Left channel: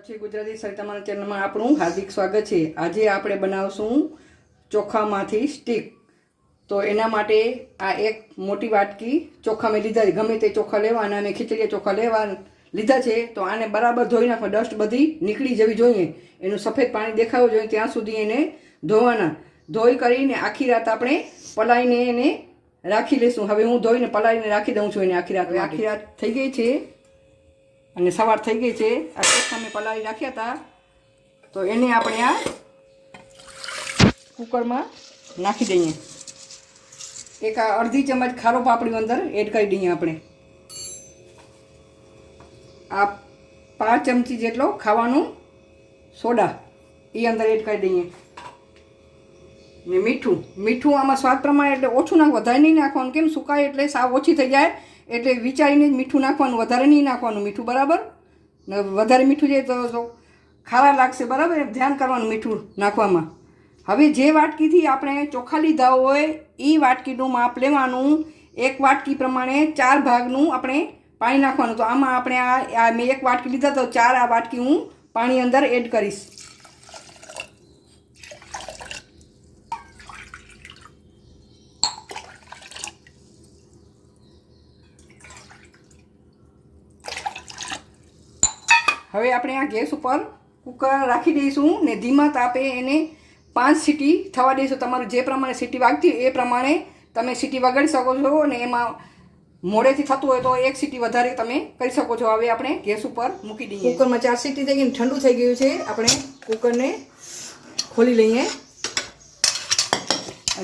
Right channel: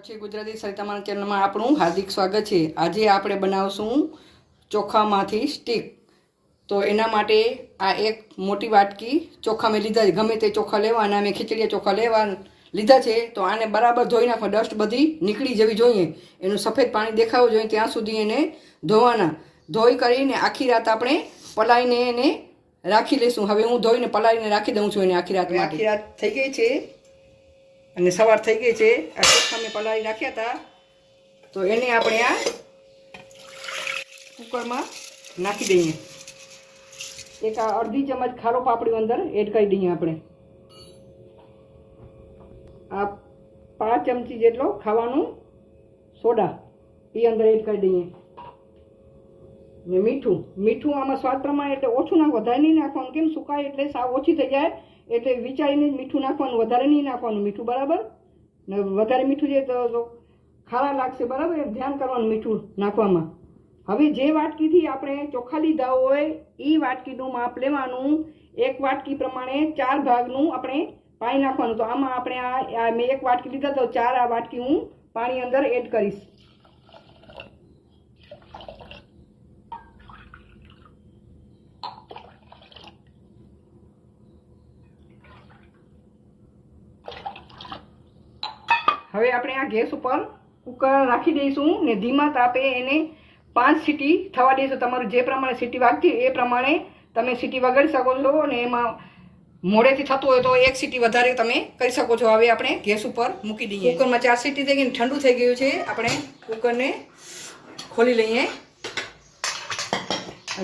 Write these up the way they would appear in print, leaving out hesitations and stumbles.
પછી ગુજરાતી સરિતામાના ચેનલમાં આપણું હાર્દિક સ્વાગત છે। આજે આપણે બનાવશું ચોખામાંથી સ્ટીક। તો એના માટે આ એક મોટી વાટકી ચોખા મેં લીધા છે। ગમે તે ચોખા લેવાના, મેં ખીચડીયા ચોખા લીધા છે। તો આને બરાબર ધોઈ નાખો, ડસ્ટ બધી નીકળી જવી જોઈએ, એનું સફેદ પાણી દેખાવું જોઈએ ત્યાં સુધી એને ધોવાના। ધોઈ કરીને આખી રાત આપણે પલાળીને એને રાખી લઈશું। હવે હું ધોઈને પલાળીને રાખી દઉં છું એને આખી રાત। આખી રાત થઈ ગઈ છે અને સવાર થઈ ગઈ છે। આ ચોખા મેં પલાળી રાખ્યા હતા, તો એને આપણે આ કુકરમાં નાખી દઈએ। એક અડધી ચમચ ખારો પાપડી અંદર એડ કરી દઈએ આપણે। આ 5 ચમચી જેટલો ખાવાનું સોડા એ અંદર એડ કરી દઈએ। ને મીઠું આમાં સ્વાદ પ્રમાણે, એટલે ઓછું નાખ, વધારે નહીં નાખવાનું। કેમ સુકાય એટલે સાવ ઓછી થઈ જાય, એટલે વિચારીને જ મીઠું નાખવાનું, વધારે નહીં નાખવાનું મીઠું, બરાબર? વધારે મીઠું છે તો ખારા લાગશે, બરાબર? ધ્યાન કરવાનું મીઠું નાખવામાં। હવે જે વાટકીથી આપણે ચોખા લીધા હોય એ વાટકીનું માપ લેવાનું। એક વાટકી પ્રમાણે 4 ભાગનું આપણે પાણી નાખવાનું। તો આમાં આપણે આ મેં એક વાટકી લીધા તો 4 આ વાટકી હું પાણી અંદર એડ કરીશ। હવે આપણે આ ગેસ ઉપર કુકર રાખી દઈશું ને ધીમા તાપે એને 5 સીટી થવા દઈશું। તમારું જે પ્રમાણે સીટી વાગતી એ પ્રમાણે તમે સીટી વગાડી શકો છો, અને એમાં મોડેથી થતું હોય તો 1 સીટી વધારે તમે કરી શકો છો। હવે આપણે ગેસ ઉપર મૂકી દઈએ। કુકરમાં 4 સીટી થઈ ગઈ, ઠંડુ થઈ ગયું છે। આપણે કુકરને ખોલી લઈએ।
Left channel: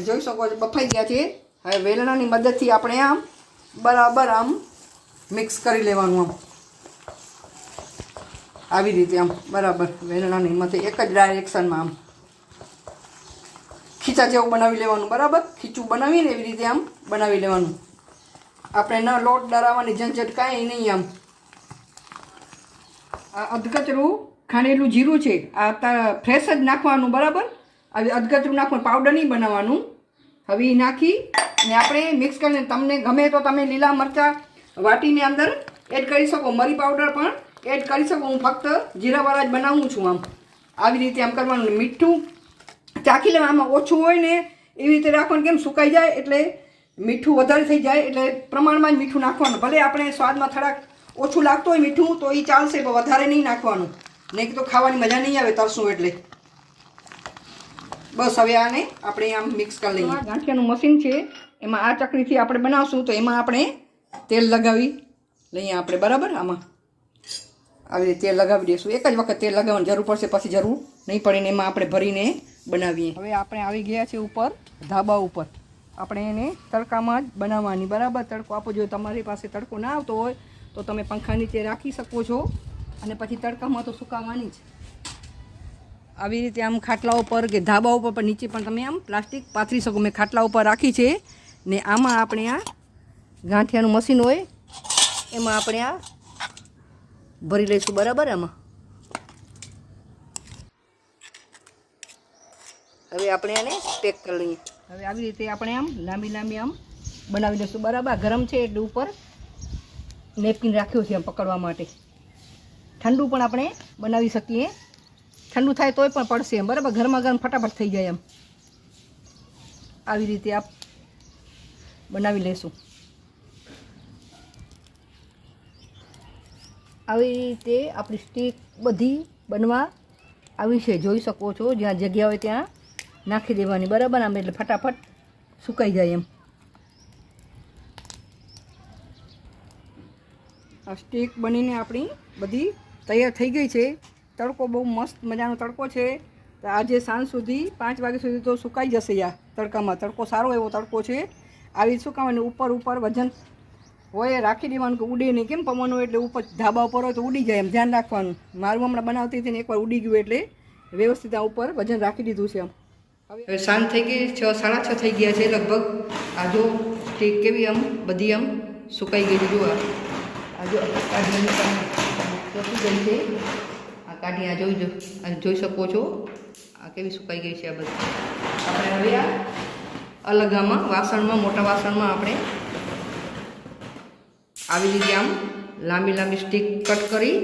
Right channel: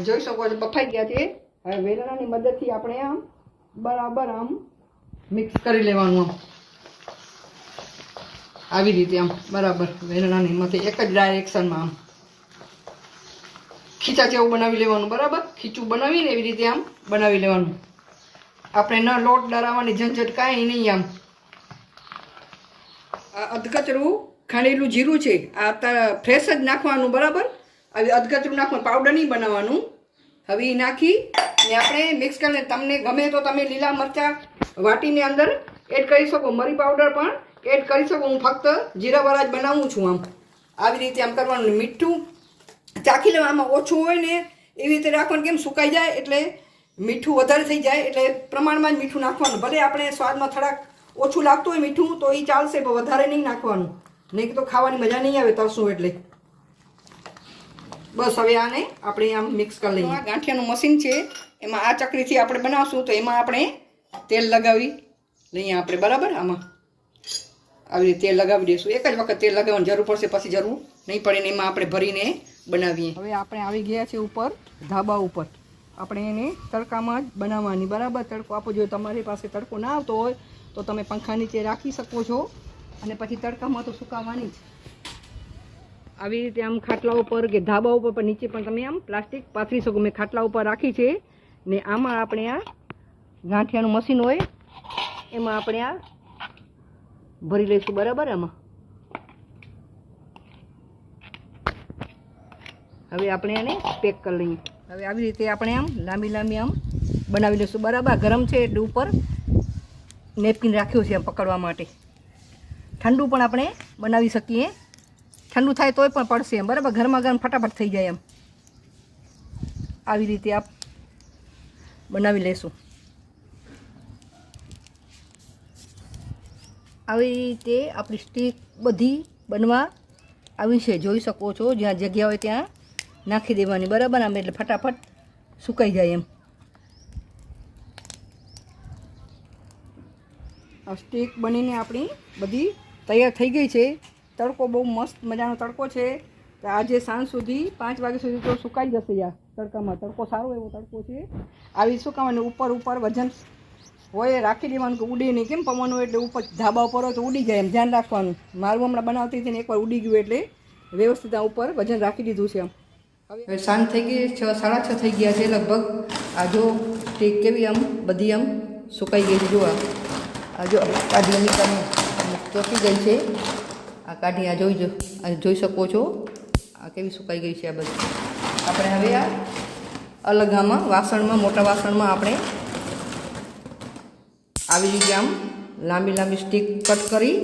જોઈ શકો છો બફાઈ ગયા છે। હવે વેલણાની મદદથી આપણે આમ બરાબર આમ મિક્સ કરી લેવાનું। આવી રીતે આમ બરાબર વેલણાની મથે એક જ ડાયરેક્શનમાં આમ ખીચા જેવું બનાવી લેવાનું, બરાબર? ખીચું બનાવીને એવી રીતે આમ બનાવી લેવાનું। આપણે ન લોટ ડરાવવાની ઝંઝટ કાંઈ નહીં। આમ આ અધકચરું ખાંડેલું જીરું છે, આ ફ્રેશ જ નાખવાનું, બરાબર? આવી અધકચરું નાખવાનું, પાવડર નહીં બનાવવાનું। હવે એ નાખી ને આપણે મિક્સ કરીને, તમને ગમે તો તમે લીલા મરચાં વાટીને અંદર એડ કરી શકો, મરી પાવડર પણ એડ કરી શકો। હું ફક્ત જીરાવાળા જ બનાવું છું। આમ આવી રીતે આમ કરવાનું। મીઠું ચાખી લેવા, આમાં ઓછું હોય ને એવી રીતે રાખવાનું, કેમ સુકાઈ જાય એટલે મીઠું વધારે થઈ જાય, એટલે પ્રમાણમાં જ મીઠું નાખવાનું। ભલે આપણે સ્વાદમાં થોડાક ઓછું લાગતું હોય મીઠું તો એ ચાલશે, પણ વધારે નહીં નાખવાનું, નહીં તો ખાવાની મજા નહીં આવે તરશું એટલે। બસ હવે આને આપણે આમ મિક્સ કરી લઈએ। ગાંઠિયાનું મશીન છે, એમાં આ ચકરીથી આપણે બનાવશું, તો એમાં આપણે તેલ લગાવી લઈએ આપણે, બરાબર? આમાં આવી રીતે તેલ લગાવી દઈશું। એક જ વખત તેલ લગાવવાની જરૂર પડશે, પછી જરૂર નહીં પડે ને એમાં આપણે ભરીને બનાવીએ। હવે આપણે આવી ગયા છે ઉપર ધાબા ઉપર। આપણે એને તડકામાં જ બનાવવાની, બરાબર? તડકો આપવો જોઈએ। તમારી પાસે તડકો ના આવતો હોય તો તમે પંખા નીચે રાખી શકો છો, અને પછી તડકામાં તો સુકાવવાની જ। આવી રીતે આમ ખાટલા ઉપર કે ધાબા ઉપર પણ નીચે પણ તમે આમ પ્લાસ્ટિક પાથરી શકો। મેં ખાટલા ઉપર રાખી છે ને આમાં આપણે આ ગાંઠિયાનું મશીન હોય એમાં આપણે આ ભરી લઈશું, બરાબર? આમાં હવે આપણે એને પેક કરી લઈએ। હવે આવી રીતે આપણે આમ લાંબી આમ બનાવી લઈશું, બરાબર? ગરમ છે એટલે ઉપર નેપકિન રાખ્યું છે આમ પકડવા માટે। ઠંડુ પણ આપણે બનાવી શકીએ, ઠંડુ થાય તોય પણ પડશે એમ, બરાબર? ગરમા ગરમ ફટાફટ થઈ જાય એમ। આવી રીતે આપ બનાવી લઈશું। આવી રીતે આપણી સ્ટીક બધી બનવા આવી છે, જોઈ શકો છો। જ્યાં જગ્યા હોય ત્યાં નાખી દેવાની, બરાબર? આમ એટલે ફટાફટ સુકાઈ જાય એમ। આ સ્ટીક બનીને આપણી બધી તૈયાર થઈ ગઈ છે। તડકો બહુ મસ્ત મજાનો તડકો છે, તો આજે સાંજ સુધી 5 વાગ્યા સુધી તો સુકાઈ જશે। આ તડકામાં તડકો સારો એવો તડકો છે। આવી સુકાવાની ઉપર વજન હોય રાખી દેવાનું કે ઉડે નહીં, કેમ પવન હોય એટલે ઉપર ધાબા ઉપર હોય તો ઉડી જાય, એમ ધ્યાન રાખવાનું। મારું હમણાં બનાવતી હતી ને એકવાર ઉડી ગયું, એટલે વ્યવસ્થિત આ ઉપર વજન રાખી દીધું છે આમ। હવે સાંજ થઈ ગઈ, 6 સાડા 6 થઈ ગયા છે લગભગ। આ જો સ્ટીક કેવી આમ બધી આમ સુકાઈ ગઈ છે। જો આ જો કાઢી ચોકી ગઈ છે, આ કાઢી આ જોઈ શકો છો આ કેવી સુકાઈ ગઈ છે આ બધી। આપણે હવે આ અલગ આમાં વાસણમાં, મોટા વાસણમાં આપણે આવી રીતે આમ લાંબી સ્ટીક કટ કરી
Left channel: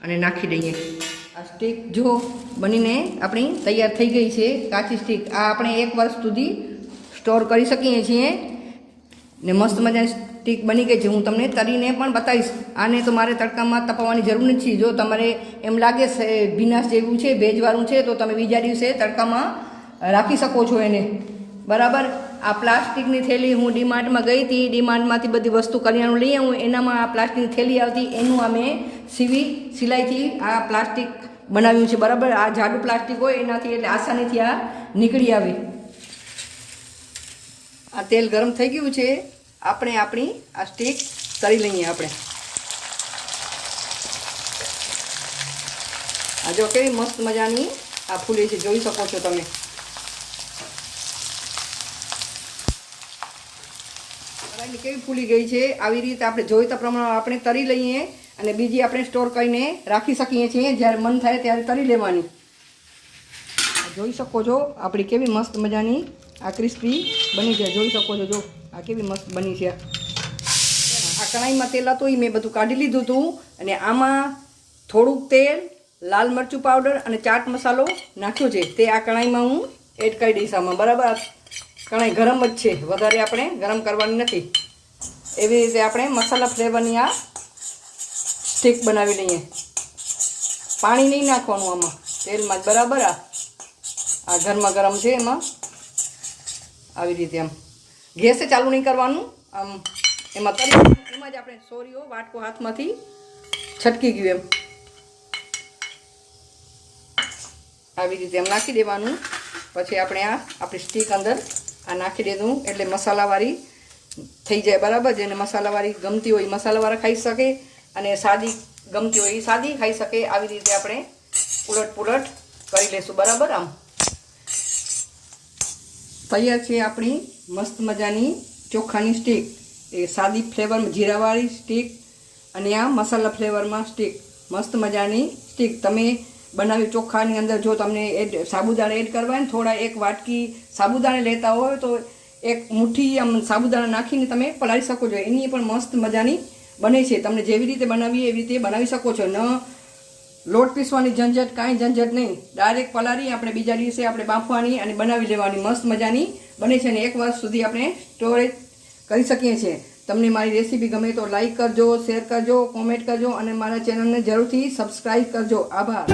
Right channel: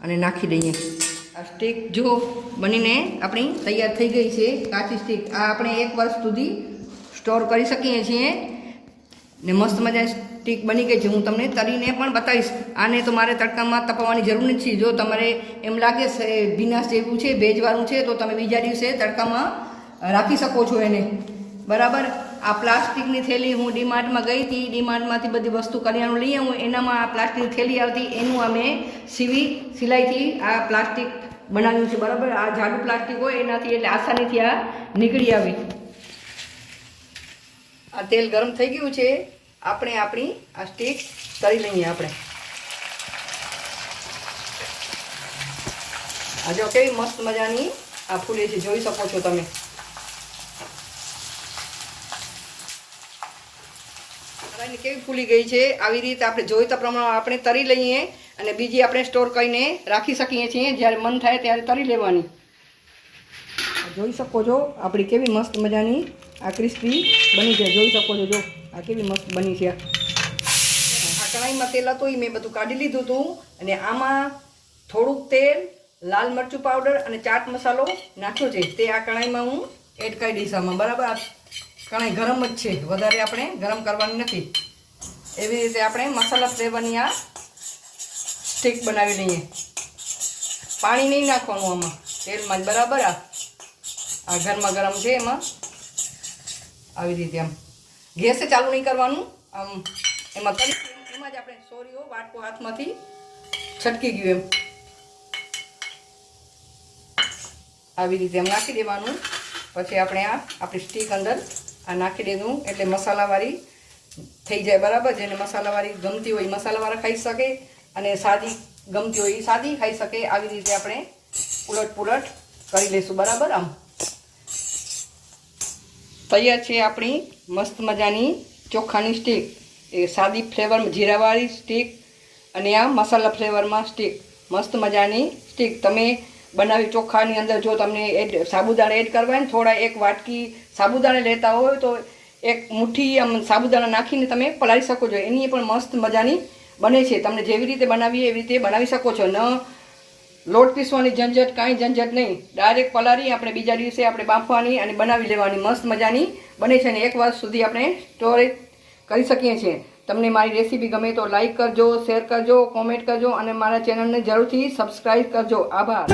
અને નાખી દઈએ. આ સ્ટીક જો બનીને આપણી તૈયાર થઈ ગઈ છે. કાચી સ્ટીક આ આપણે 1 વર્ષ સુધી સ્ટોર કરી શકીએ છીએ ને મસ્ત મજાની સ્ટીક બની ગઈ છે. હું તમને તળીને પણ બતાવીશ. આને તો મારે તડકામાં તપાવવાની જરૂર નથી. જો તમારે એમ લાગે છે ભીનાશ જેવું છે, ભેજવાળું છે, તો તમે બીજા દિવસે તડકામાં રાખી શકો છો એને. બરાબર. આ પ્લાસ્ટિકની થેલી હું ડીમાર્ટમાં ગઈ હતી, ડીમાર્ટમાંથી બધી વસ્તુ કરિયાણું લઈ આવું, એનામાં આ પ્લાસ્ટિકની થેલી આવતી, એનું અમે સિલાઈથી આ પ્લાસ્ટિક બનાવ્યું છે. બરાબર. આ જાડું પ્લાસ્ટિક હોય એનાથી એટલે આસાનીથી આ નીકળી આવે. આ તેલ ગરમ થઈ ગયું છે. આપણે આપણી આ સ્ટીક તળી લઈએ. આપણે આ જો કેવી મસ્ત મજાની આ ફૂલે છે, જોઈ શકો છો તમે. કેવી ફૂલી ગઈ છે. આવી રીતે આપણે જોઈતા પ્રમાણે આપણે તળી લઈએ અને બીજી આપણે સ્ટોર કરીને રાખી શકીએ છીએ. જ્યારે મન થાય ત્યારે તળી લેવાની. જોઈ શકો છો આપણી કેવી મસ્ત મજાની આ ક્રિસ્પી બની છે. જોઈ શકો છો. જો આ કેવી મસ્ત બની છે. આ કઢાઈમાં તેલ હતું એ મેં બધું કાઢી લીધું હતું અને આમાં થોડુંક તેલ, લાલ મરચું પાવડર અને ચાટ મસાલો નાખ્યો છે. તે આ કઢાઈમાં હું એડ કરી દઈશ આમાં. બરાબર. કઢાઈ ગરમ જ છે, વધારે આપણે ગરમ કરવાની નથી. એવી રીતે આપણે મસાલા ફ્લેવરની આ સ્ટીક બનાવી લઈએ. પાણી નહીં નાખવાનું આમાં, તેલમાં જ. બરાબર. આ ગરમા ગરમ છે એમાં આવી રીતે આમ ગેસે ચાલુ નહીં કરવાનું. આમ એમાં એમાં જ આપણે સોરીઓ વાટકો હાથમાંથી છટકી ગયું એમ આવી રીતે એમ નાખી દેવાનું. પછી આપણે આપણી સ્ટીક અંદર આ નાખી દેવું એટલે મસાલાવાળી થઈ જાય. બરાબર. જેને મસાલાવાળી ગમતી હોય મસાલાવાળા ખાઈ શકે અને સાદી ગમતી હોય એ સાદી ખાઈ શકે. આવી રીતે આપણે ઉલટ કરી લઈશું. બરાબર. આમ તૈયાર છે આપણી મસ્ત મજાની ચોખાની સ્ટીક. એ સાદી ફ્લેવરમાં જીરાવાળી સ્ટીક અને આ મસાલા ફ્લેવરમાં સ્ટીક. મસ્ત મજાની સ્ટીક તમે બનાવી. ચોખાની અંદર જો તમને સાબુદાણા એડ કરવા હોય ને, થોડા 1 વાટકી સાબુદાણા લેતા હોય તો 1 મુઠ્ઠી આમ સાબુદાણા નાખીને તમે પલાળી શકો છો. એની પણ મસ્ત મજાની બને છે. તમને જેવી રીતે બનાવીએ એવી રીતે બનાવી શકો છો. ન લોટ પીસવાની ઝંઝટ, કાંઈ ઝંઝટ નહીં. ડાયરેક્ટ પલાળી આપણે બીજા દિવસે આપણે બાફવાની અને બનાવી લેવાની. મસ્ત મજાની બને છે અને 1 વર્ષ સુધી આપણે સ્ટોરેજ કરી શકીએ છીએ. તમને મારી રેસીપી ગમે તો લાઈક કરજો, શેર કરજો, કોમેન્ટ કરજો અને મારા ચેનલને જરૂરથી સબસ્ક્રાઈબ કરજો. આભાર.